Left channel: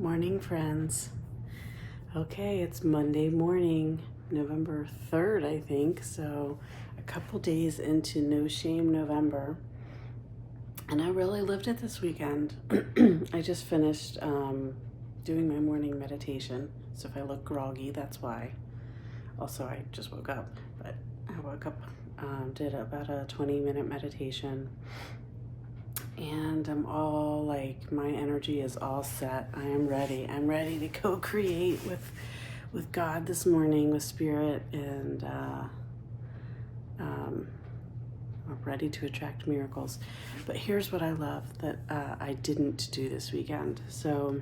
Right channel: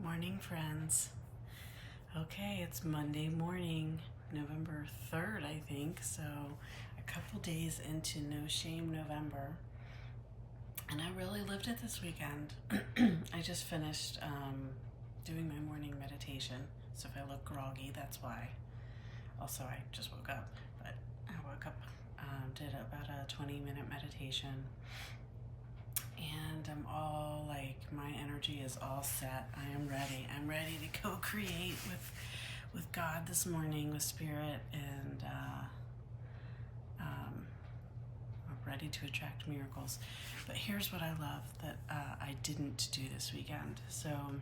Morning, friends. Okay, it's Monday morning, November 3rd, I think. So, a couple days into No Shame November. And I really lived it this weekend. I just finished doing my morning meditation. So, if I look groggy, that's why. Also, I just woke up, but I woke up, did about a 20-minute meditation. And I'm all like, my energy is all set. I am ready. I'm ready to co-create with God this morning, with Spirit, and I'm ready to attract miracles. But here's what I love that I didn't do this weekend. So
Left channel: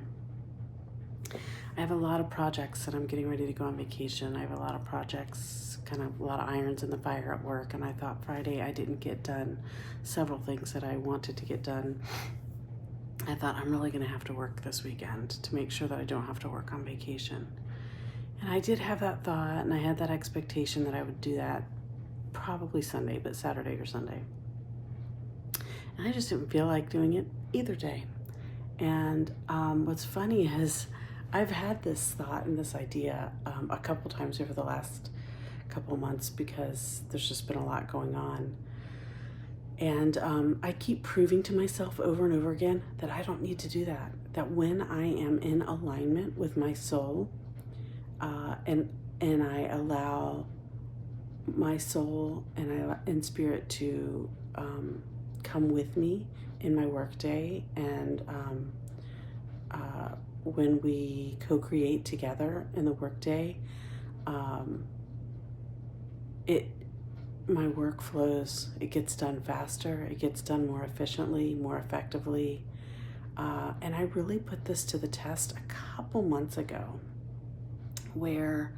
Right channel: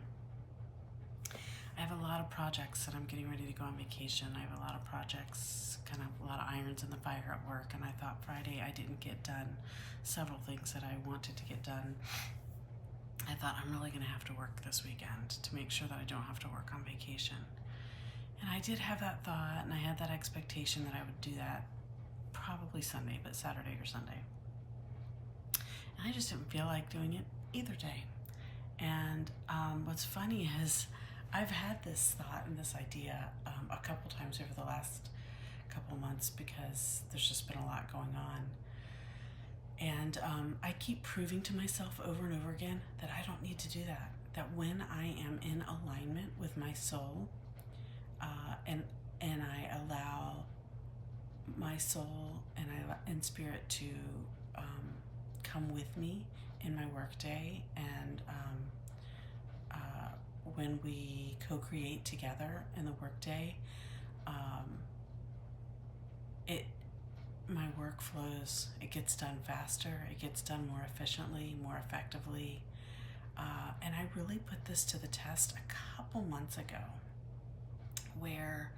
I have a lot of projects that I'm getting ready to go on vacation. I have a lot of projects, kind of a lot of irons in the fire at work, and I thought Friday I didn't get done several things that I wanted to get done. I thought I'm really going to have to work this weekend to make sure that I don't have to work on vacation. And I did have that thought, and I had that expectation that I would do that probably Sunday, but Saturday or Sunday. And I just didn't feel like doing it either day. And what's funny is I've had this thought and this idea a couple times over the last couple months because there's just been a lot going on. And I keep proving to myself over and over again that I don't need to do that. That when I am in alignment with my soul, and I allow my soul and spirit to come with me in my workday, and when we co-create together in the workday, my work flows. It gets done faster. It gets done more efficiently, more effectively. And I really put this to the test a couple months ago, where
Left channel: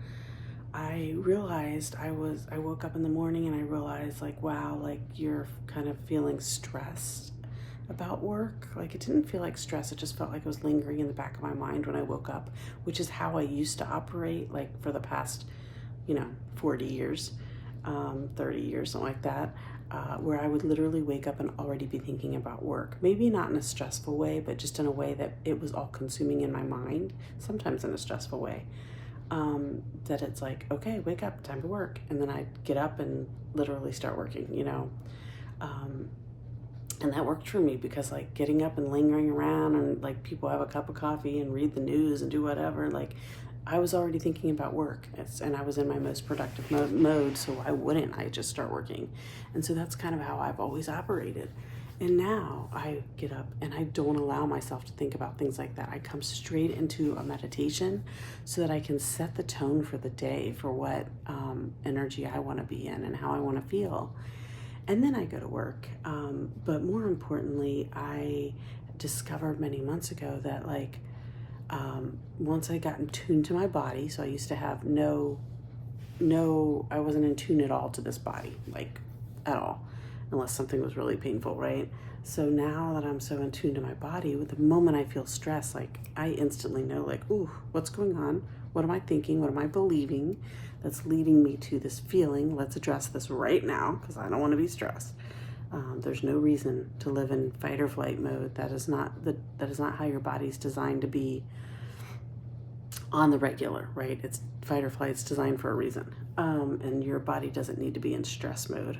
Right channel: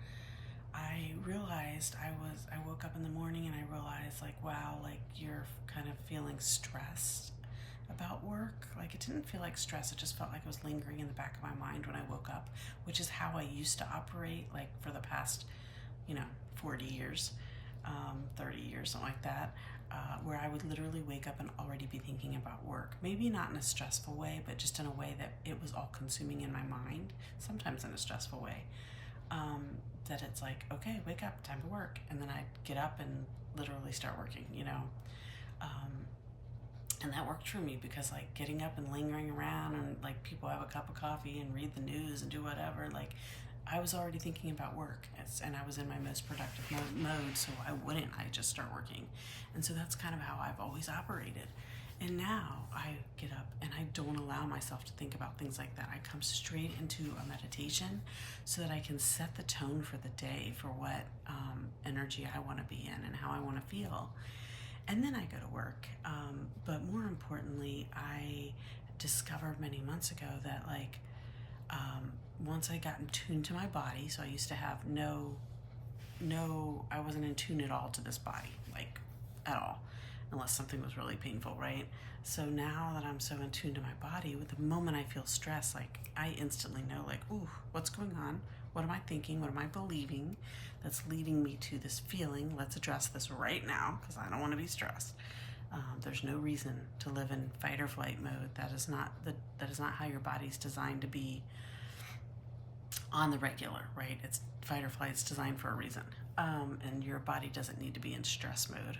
I realized I woke up in the morning and I realized, like, wow, like, you're kind of feeling stressed about work. Like, it didn't feel like stress. It just felt like it was lingering in the back of my mind when I woke up, which is how I used to operate, like, for the past, 40 years. 30 years, something like that, where I would literally wake up and already be thinking about work. Maybe not in a stressful way, but just in a way that it was all consuming in my mind, sometimes in a stressful way, that it's like, okay, wake up, time to work. And then I'd get up and literally start working, and that worked for me because, like, getting up and lingering around and, like, people have a cup of coffee and read the news and do whatever, like, I was already thinking about work, and I was in my most productive mode, so why wouldn't I just start working? And so that's kind of how I've always operated. And now I get up and I don't allow myself to think about things like that. I come straight into a meditation so that I can set the tone for the day, for what energy I want to be in and how I want to feel. And then I go to work. But more importantly, I discovered many months ago that, like, once I got in tune to my body, so I used to have I wasn't in tune at all to this body, like, at all, unless something was really painful, right? So now that I'm so in tune to my body, with the moment I feel stress, like, I instantly know, like, ooh, what's going on? What am I thinking? What am I believing that's leading me to this feeling? Let's address this right now, because I don't want to be stressed. There's no reason to live in fight or flight mode. That is not how your body's designed to be on the regular, right? It's fight or flight. It's designed for a reason, and your body doesn't need to be in stress mode.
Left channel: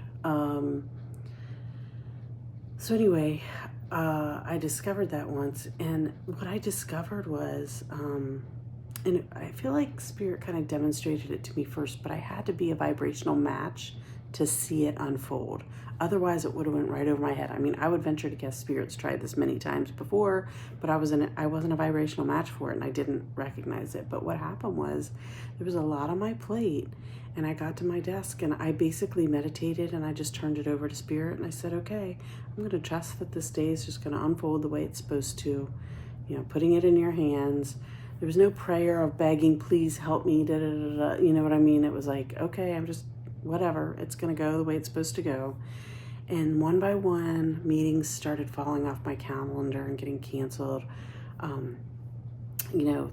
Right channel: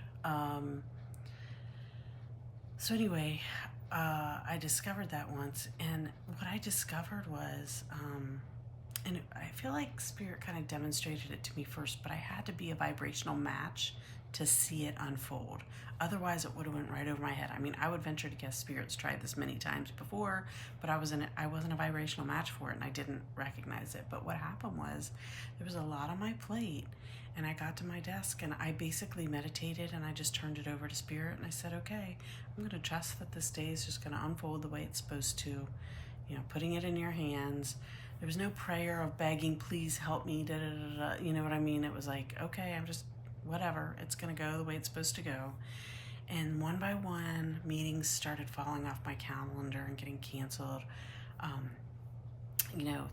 So anyway, I discovered that once, and what I discovered was, and I feel like Spirit kind of demonstrated it to me first, but I had to be a vibrational match to see it unfold. Otherwise, it would have went right over my head. I mean, I would venture to guess Spirit's tried this many times before, but I wasn't a vibrational match for it, and I didn't recognize it. But what happened was, there was a lot on my plate, and I got to my desk, and I basically meditated, and I just turned it over to Spirit, and I said, okay, I'm going to trust that this day is just going to unfold the way it's supposed to, putting it in your hands. There was no prayer of begging, please help me, da da da da. You know what I mean? It was like, okay, I'm just, whatever, it's going to go the way it's supposed to go. And one by one, meetings started falling off my calendar and getting canceled.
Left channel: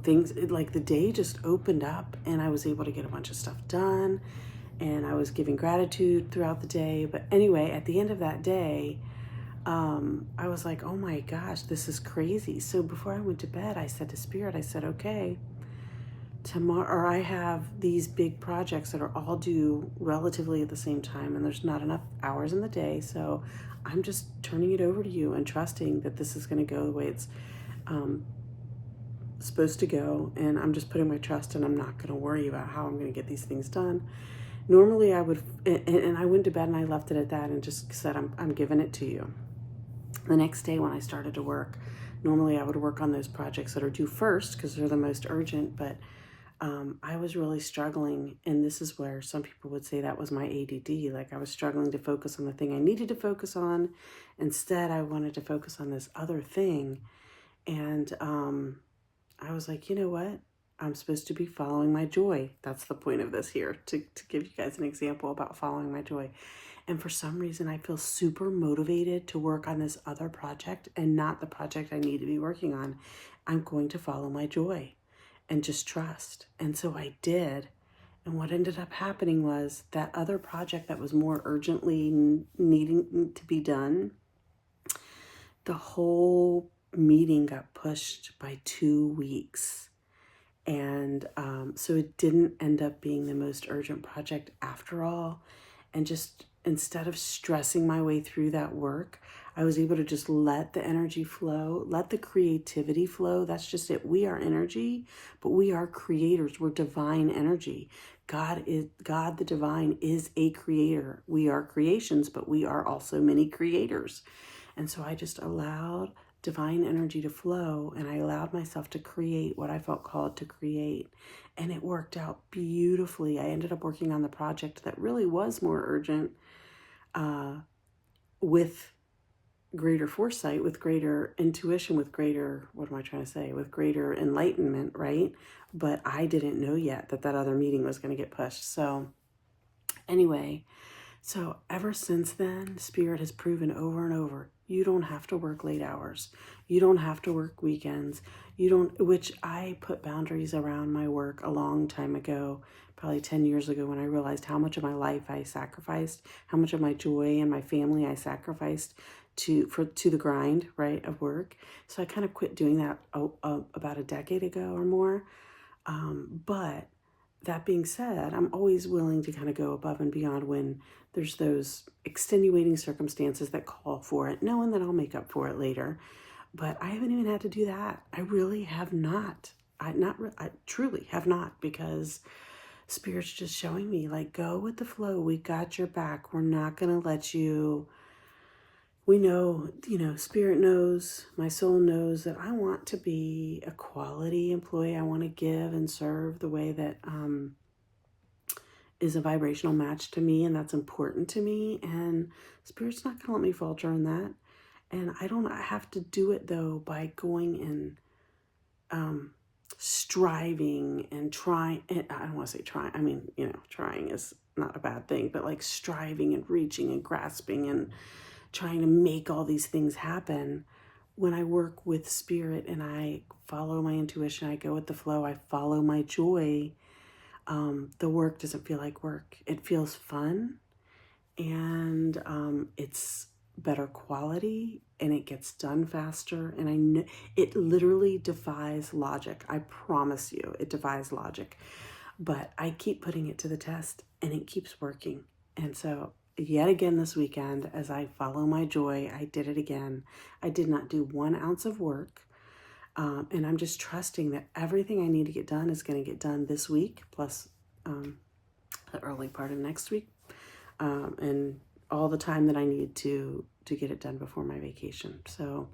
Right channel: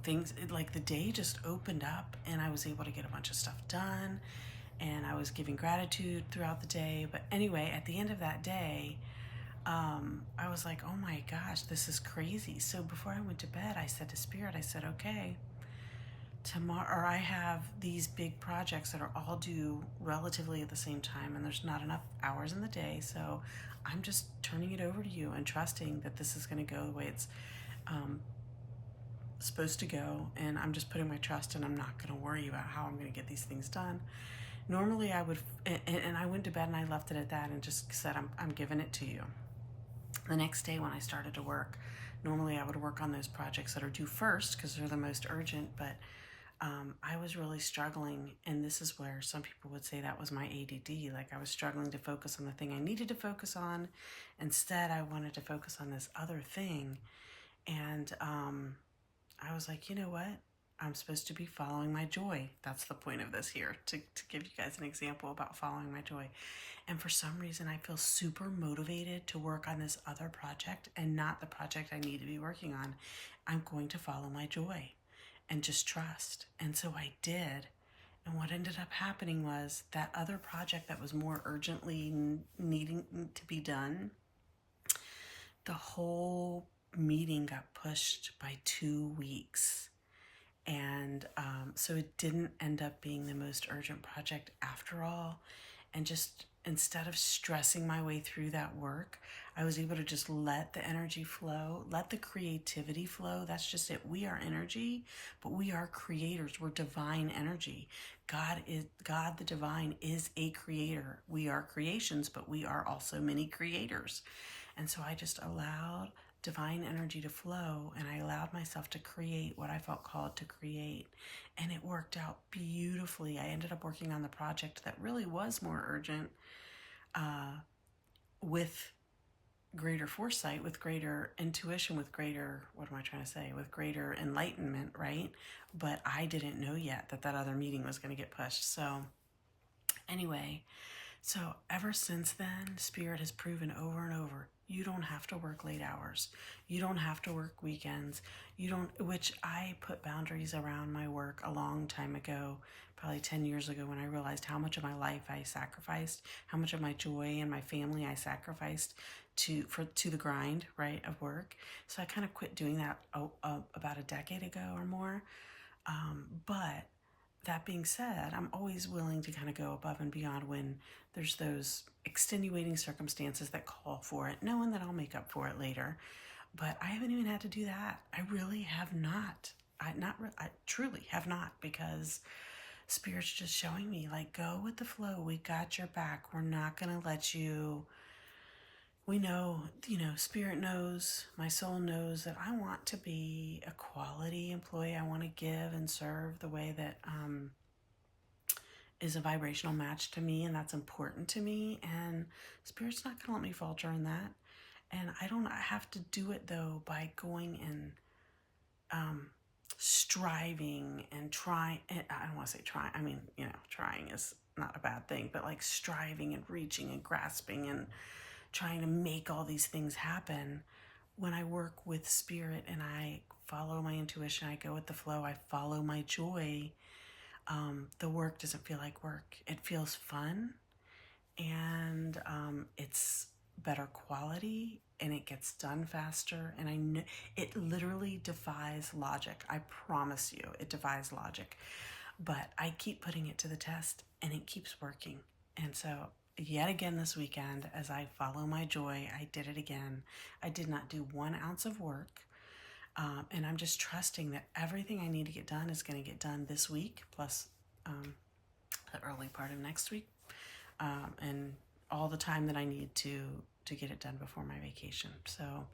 Things, like, the day just opened up, and I was able to get a bunch of stuff done, and I was giving gratitude throughout the day. But anyway, at the end of that day, I was like, oh my gosh, this is crazy. So before I went to bed, I said to Spirit, I said, okay, tomorrow, or I have these big projects that are all due relatively at the same time, and there's not enough hours in the day. So I'm just turning it over to you and trusting that this is going to go the way it's supposed to go. And I'm just putting my trust, and I'm not going to worry about how I'm going to get these things done. Normally I would, and I went to bed and I left it at that and just said, I'm giving it to you. The next day when I started to work, normally I would work on those projects that are due first because they're the most urgent, but I was really struggling, and this is where some people would say that was my ADD. Like, I was struggling to focus on the thing I needed to focus on. Instead, I wanted to focus on this other thing. And I was like, you know what? I'm supposed to be following my joy. That's the point of this here, to give you guys an example about following my joy. And for some reason, I feel super motivated to work on this other project and not the project I need to be working on. I'm going to follow my joy and just trust. And so I did. And what ended up happening was that other project that was more urgently needing to be done, the whole meeting got pushed by 2 weeks. And so it didn't end up being the most urgent project after all. And just instead of stressing my way through that work, I was able to just let the energy flow, let the creativity flow. That's just it. We are energy, but we are creators. We're divine energy. God, the divine, is a creator. We are creations, but we are also many creators. And so I just allowed divine energy to flow, and I allowed myself to create what I felt called to create. And it worked out beautifully. I ended up working on the project that really was more urgent, with greater foresight, with greater intuition, with greater, with greater enlightenment, right? But I didn't know yet that other meeting was going to get pushed. So anyway, so ever since then, Spirit has proven over and over, you don't have to work late hours. You don't have to work weekends. Which I put boundaries around my work a long time ago, probably 10 years ago, when I realized how much of my life I sacrificed, how much of my joy and my family I sacrificed to the grind, right, of work. So I kind of quit doing that about a decade ago or more. But that being said, I'm always willing to kind of go above and beyond when there's those extenuating circumstances that call for it, knowing that I'll make up for it later. But I haven't even had to do that. I really have not. I truly have not, because Spirit's just showing me, like, go with the flow. We got your back. We're not going to let you. We know, Spirit knows, my soul knows that I want to be a quality employee. I want to give and serve the way that is a vibrational match to me, and that's important to me. And Spirit's not going to let me falter in that. And I don't have to do it, though, by going and striving and trying. I don't want to say trying. I mean, trying is not a bad thing, but like striving and reaching and grasping and trying to make all these things happen. When I work with Spirit and I follow my intuition, I go with the flow, I follow my joy, the work doesn't feel like work. It feels fun, and it's better quality, and it gets done faster. And I know it literally defies logic. I promise you, it defies logic. But I keep putting it to the test, and it keeps working. And so yet again this weekend, as I follow my joy, I did it again. I did not do 1 ounce of work. And I'm just trusting that everything I need to get done is going to get done this week, plus the early part of next week, and all the time that I need to get it done before my vacation. So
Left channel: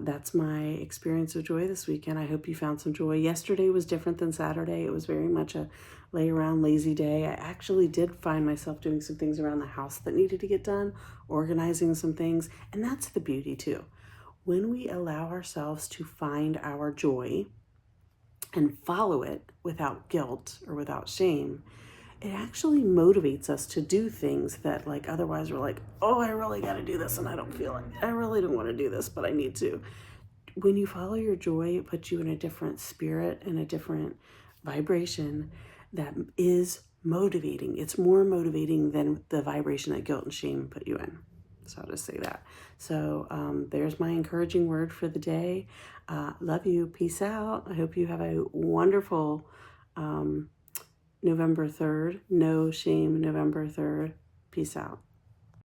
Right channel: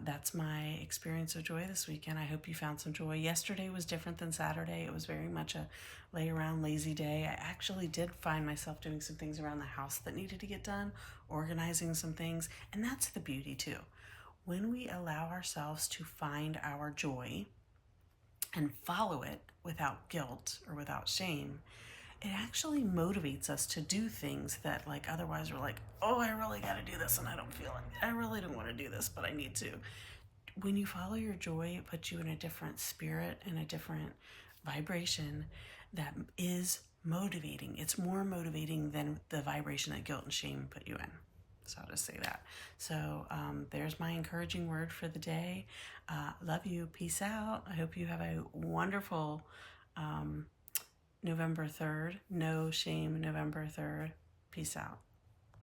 that's my experience of joy this weekend. I hope you found some joy. Yesterday was different than Saturday. It was very much a lay around lazy day. I actually did find myself doing some things around the house that needed to get done, organizing some things, and that's the beauty too. When we allow ourselves to find our joy and follow it without guilt or without shame, it actually motivates us to do things that, like, otherwise we're like, oh, I really got to do this and I don't feel it. I really don't want to do this, but I need to. When you follow your joy, it puts you in a different spirit and a different vibration that is motivating. It's more motivating than the vibration that guilt and shame put you in. So I'll just say that. So there's my encouraging word for the day. Love you. Peace out. I hope you have a wonderful November 3rd. No shame November 3rd. Peace out.